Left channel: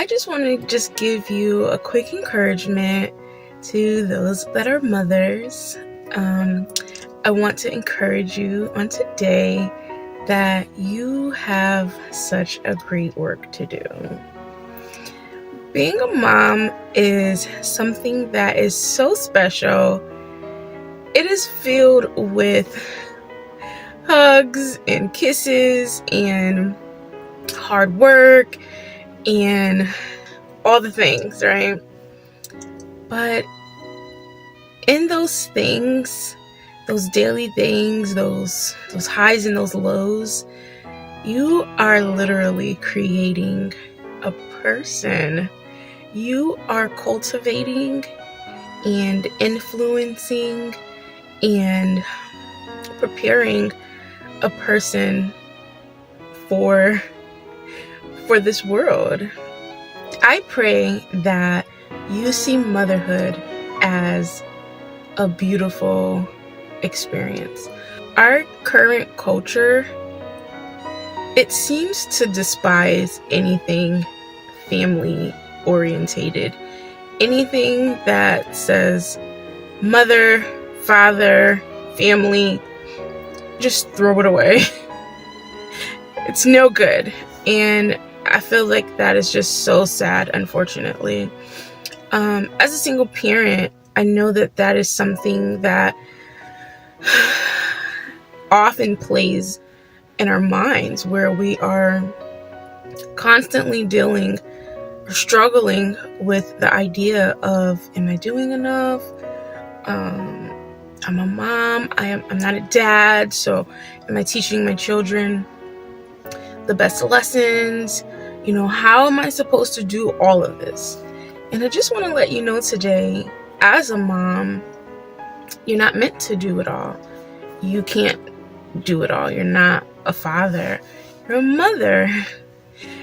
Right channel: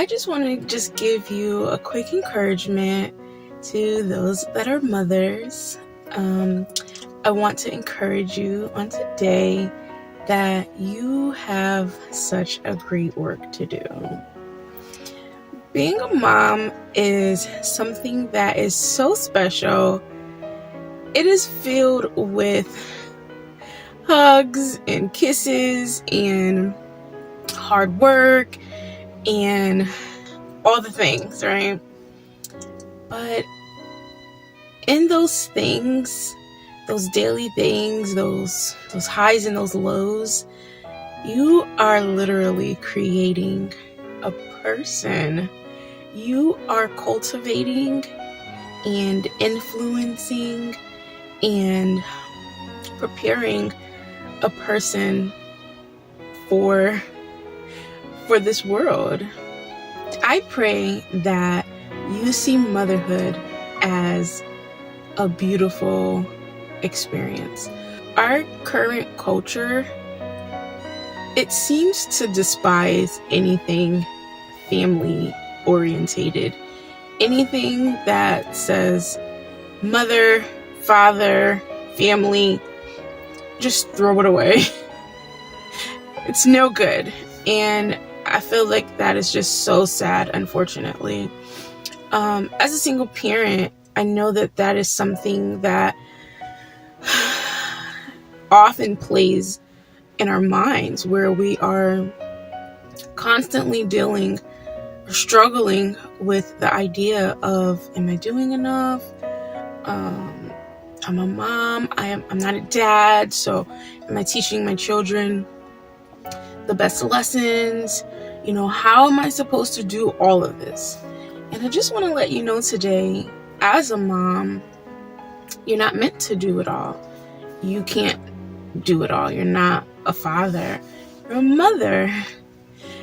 I just want to just give you a quick encouragement to those that are mothers. I want to encourage you on today that you have such a great work to do. Being a mom is something that is so special. It is filled with hugs and kisses and hard work and all the things, right? But in those things, those daily things, those highs and those lows, you are literally creating a person. You are cultivating and influencing and preparing a person for this world. I pray that you see motherhood as a beautiful experience. Our current culture, it seems to despise anything family orientated. Anything that says mother, father, family, just throw it away. It's no good. And I feel like that is just so sad, unfortunately. As a single parent, I know that is something that often plays in our minds, where we are constantly dealing or struggling with the idea of, am I doing enough? I'm a mom. I'm not a dad. So am I teaching my children the best lessons? How am I supposed to do all of this? And I just want to let you know today, as a mom, you're not meant to do it all. You can't do it all. You're not a father. You're a mother.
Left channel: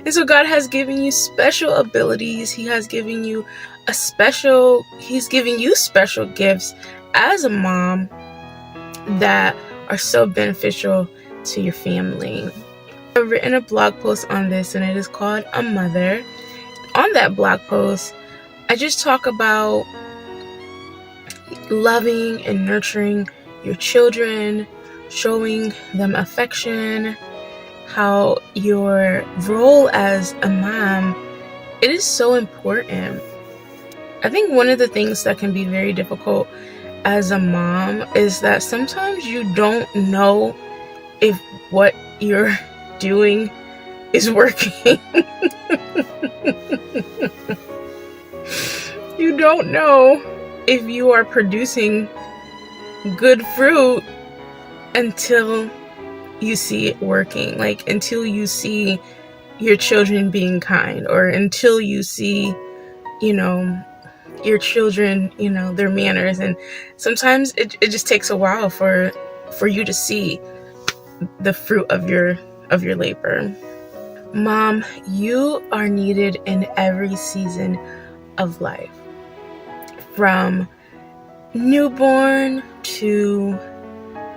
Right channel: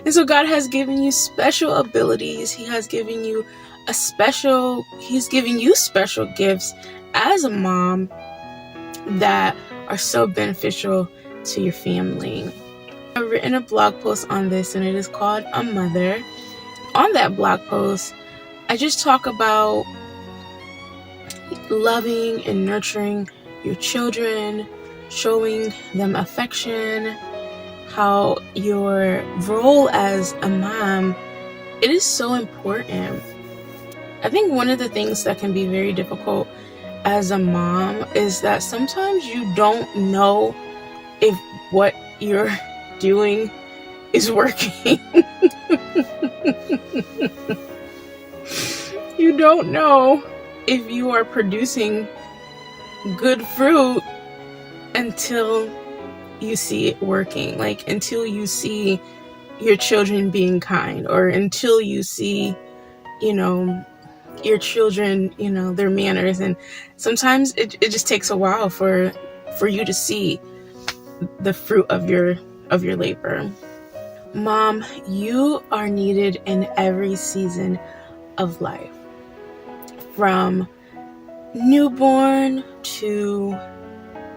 And so God has given you special abilities. He's giving you special gifts as a mom that are so beneficial to your family. I've written a blog post on this, and it is called A Mother. On that blog post, I just talk about loving and nurturing your children, showing them affection, how your role as a mom, it is so important. I think one of the things that can be very difficult as a mom is that sometimes you don't know if what you're doing is working. You don't know if you are producing good fruit until you see it working, like until you see your children being kind, or until you see, your children, their manners. And sometimes it just takes a while for you to see the fruit of your labor. Mom, you are needed in every season of life, from newborn to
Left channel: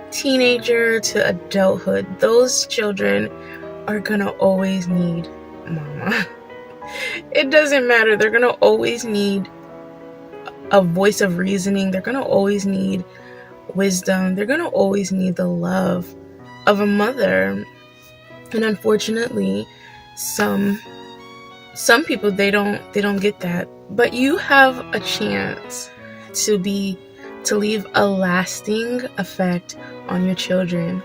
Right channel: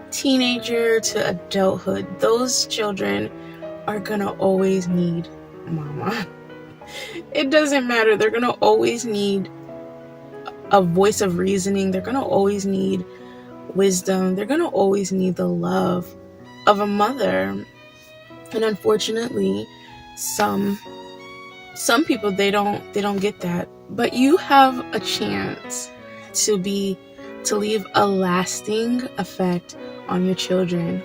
teenager to adulthood. Those children are gonna always need mama. It doesn't matter. They're gonna always need a voice of reasoning. They're gonna always need wisdom. They're gonna always need the love of a mother. And unfortunately, some people, they don't get that. But you have a chance to leave a lasting effect on your children.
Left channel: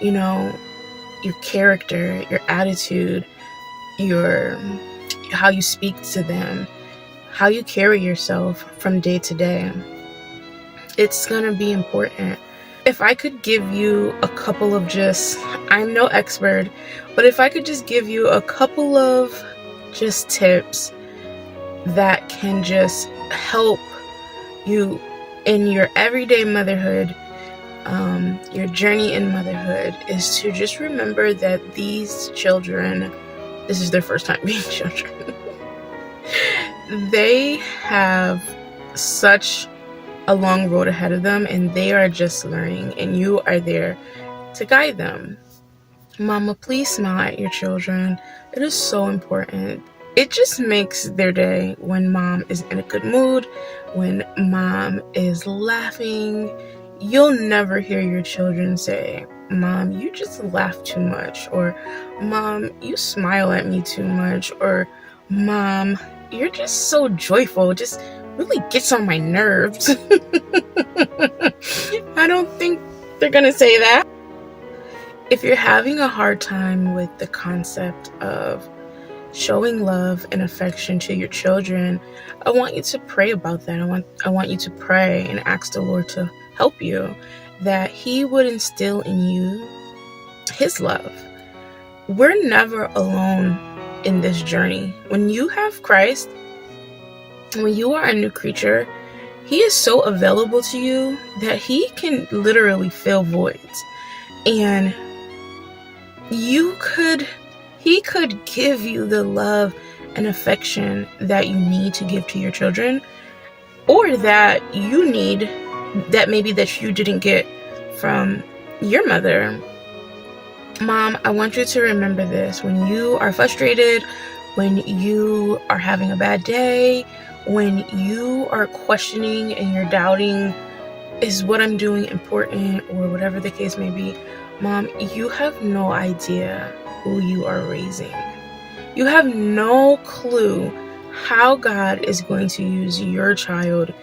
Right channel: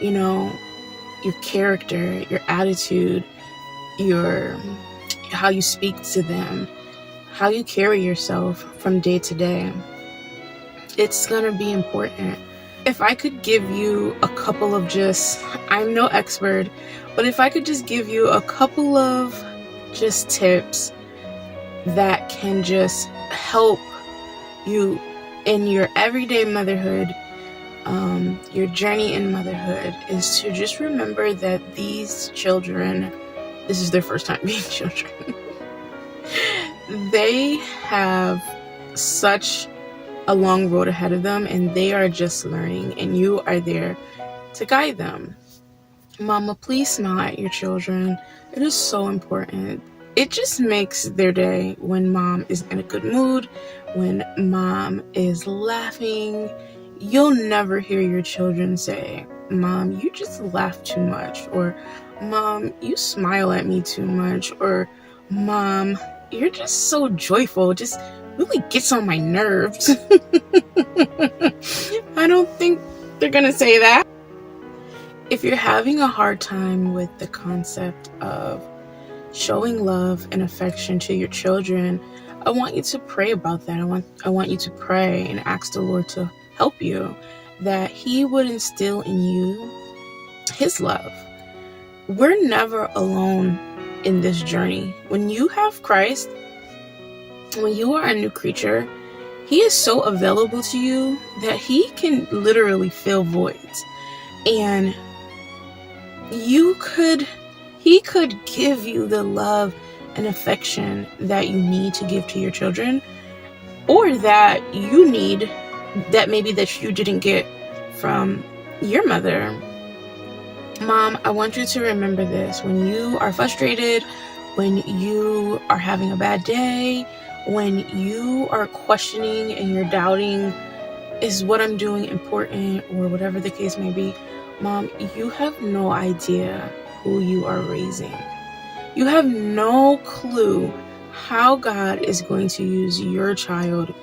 Your character, your attitude, how you speak to them, how you carry yourself from day to day. It's gonna be important. If I could give you a couple of I'm no expert, but if I could just give you a couple of tips that can just help you in your everyday motherhood, your journey in motherhood, is to just remember that these children, this is their first time being children. They have such a long road ahead of them, and they are just learning, and you are there to guide them. Mama, please smile at your children. It is so important. it just makes their day when mom is in a good mood, when mom is laughing. You'll never hear your children say, "Mom, you just laugh too much," or "Mom, you smile at me too much," or "Mom, you're just so joyful, it just really gets on my nerves." I don't think they're gonna say that. If you're having a hard time with the concept of showing love and affection to your children, I want you to pray about that. I want you to pray and ask the Lord to help you, that He would instill in you His love. We're never alone in this journey. When you have Christ, when you are a new creature, He is so available to you that He can literally fill voids. And He could give you the love and affection that you need to give to your children, or that you need, that maybe that you didn't get from your mother. Mom, I want you to remember this. When you are frustrated, when you are having a bad day, when you are questioning and you're doubting, is what I'm doing important, or whatever the case may be, Mom, you have no idea who you are raising. You have no clue how God is going to use your child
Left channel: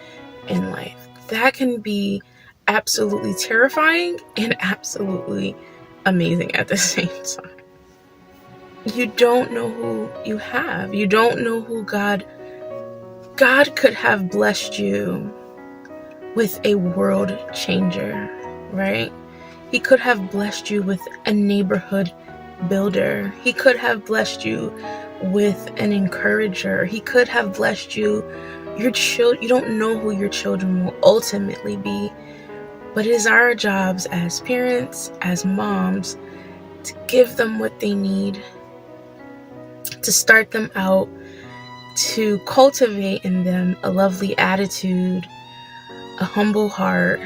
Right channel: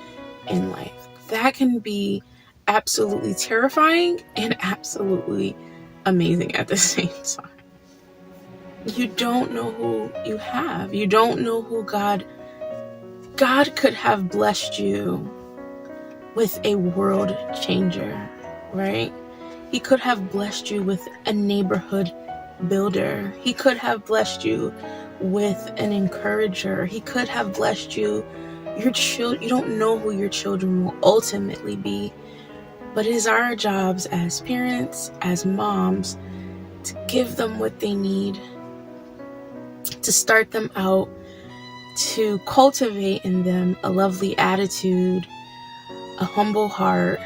in life. That can be absolutely terrifying and absolutely amazing at the same time. You don't know who you have. You don't know who God could have blessed you with a world changer, right? He could have blessed you with a neighborhood builder. He could have blessed you with an encourager. He could have blessed you. You don't know who your children will ultimately be, but it is our jobs as parents, as moms, to give them what they need, to start them out, to cultivate in them a lovely attitude, a humble heart,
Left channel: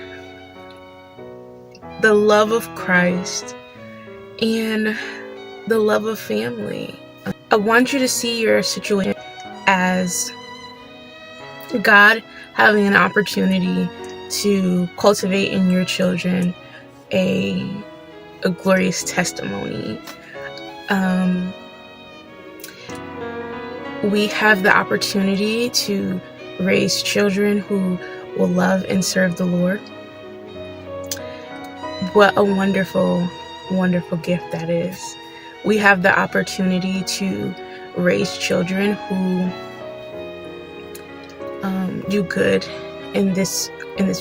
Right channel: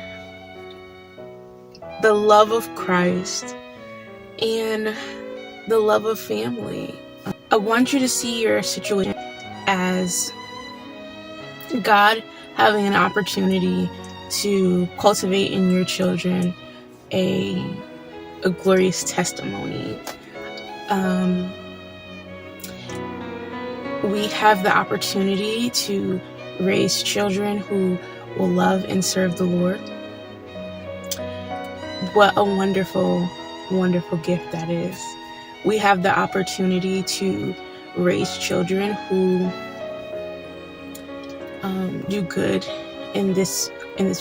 the love of Christ, and the love of family. I want you to see your situation as God having an opportunity to cultivate in your children a glorious testimony. We have the opportunity to raise children who will love and serve the Lord. What a wonderful, wonderful gift that is. We have the opportunity to raise children who do good in this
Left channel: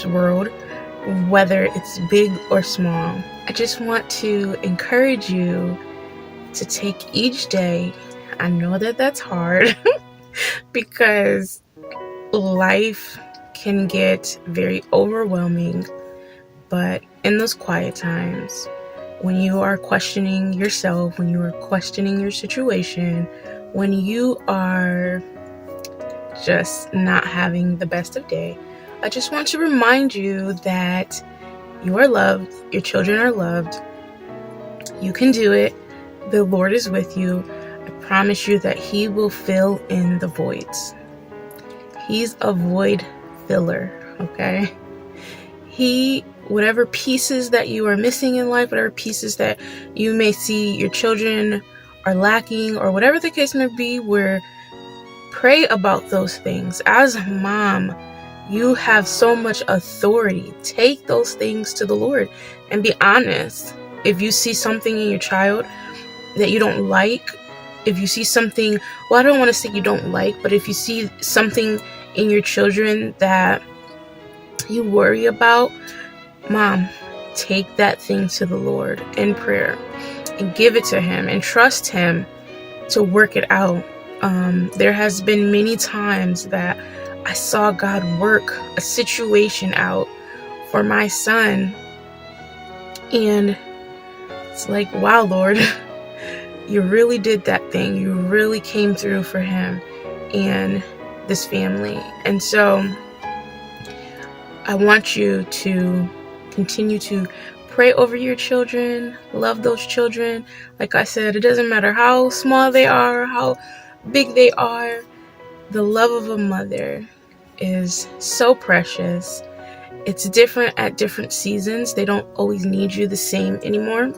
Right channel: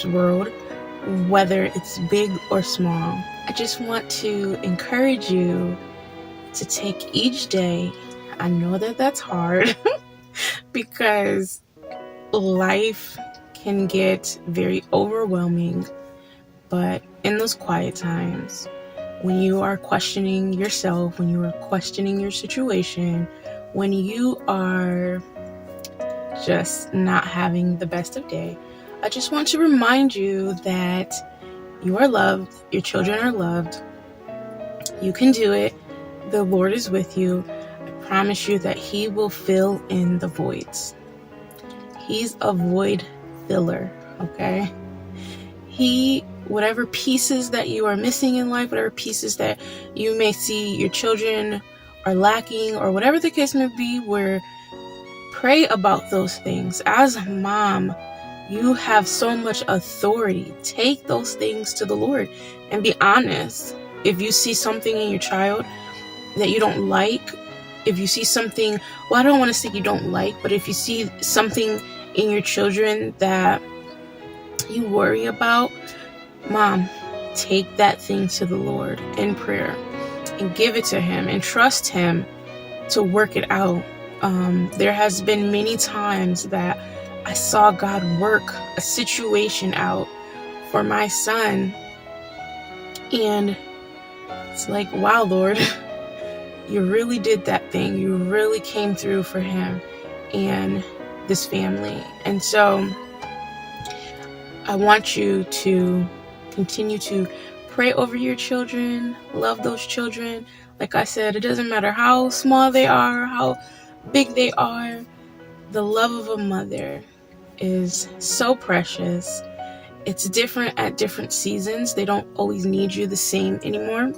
world, whether it's big or small. I just want to encourage you to take each day. I know that that's hard because life can get very overwhelming, but in those quiet times, when you are questioning yourself, when you are questioning your situation, when you are just not having the best of day, I just want to remind you that you are loved, your children are loved, you can do it, the Lord is with you. I promise you that He will fill in the voids. He's a void filler, okay? Whatever pieces that you are missing in life, whatever pieces that you may see your children are lacking, or whatever the case may be, pray about those things. As a mom, you have so much authority. Take those things to the Lord and be honest. If you see something in your child that you don't like, if you see something, well, I don't want to say you don't like, but if you see something in your children that you worry about, Mom, take that thing to the Lord in prayer and give it to Him and trust Him to work it out. There has been many times that I saw God work a situation out for my son, and it's like, wow, Lord, you really did that thing. You really came through for him and this family. And so I want you to continue to pray over your children, love those children. Like I said, it doesn't matter how small they are, how big they are. The love of a mother is so precious. It's different at different seasons. They don't always need you the same anymore,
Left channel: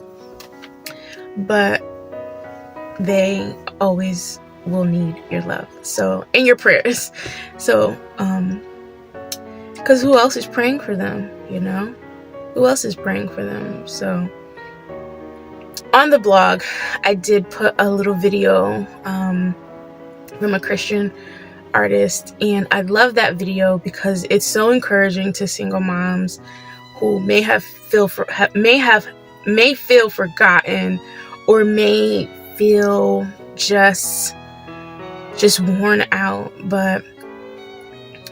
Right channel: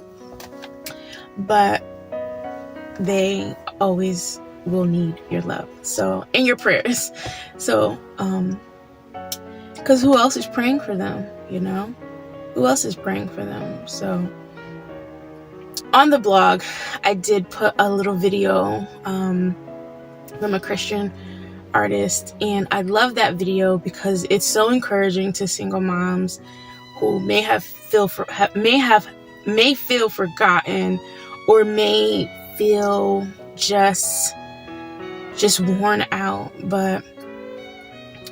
but they always will need your love. So, and your prayers. So, because who else is praying for them, you know? Who else is praying for them? So, on the blog, I did put a little video from a Christian artist, and I love that video because it's so encouraging to single moms who may feel forgotten, or may feel just worn out. But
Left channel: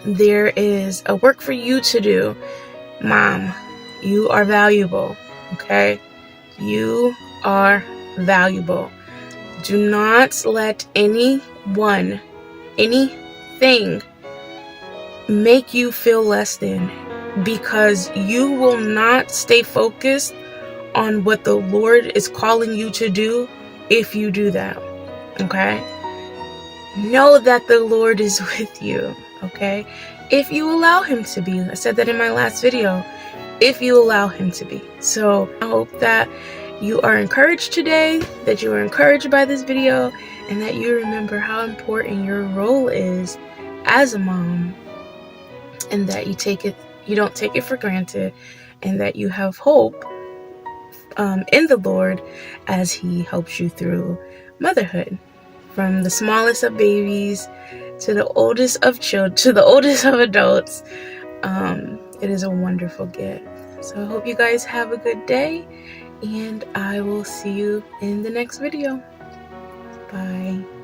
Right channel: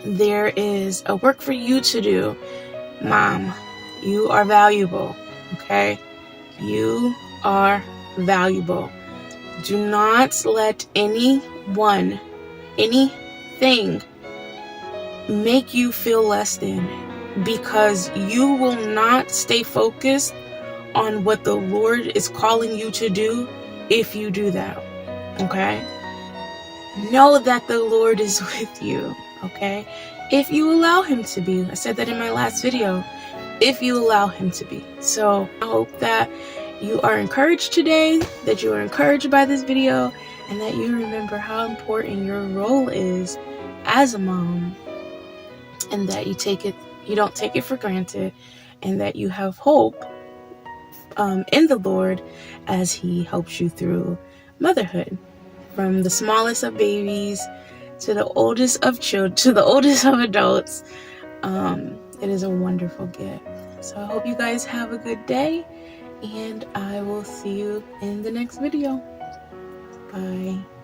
there is a work for you to do, mom. You are valuable, okay? You are valuable. Do not let anything make you feel less than, because you will not stay focused on what the Lord is calling you to do if you do that, okay? Know that the Lord is with you, okay? If you allow him to be. I said that in my last video. If you allow him to be. So I hope that you are encouraged today, that you are encouraged by this video, and that you remember how important your role is as a mom, and that you don't take it for granted, and that you have hope in the Lord as he helps you through motherhood, from the smallest of babies to the oldest of children, to the oldest of adults. It is a wonderful gift. So I hope you guys have a good day, and I will see you in the next video. Bye.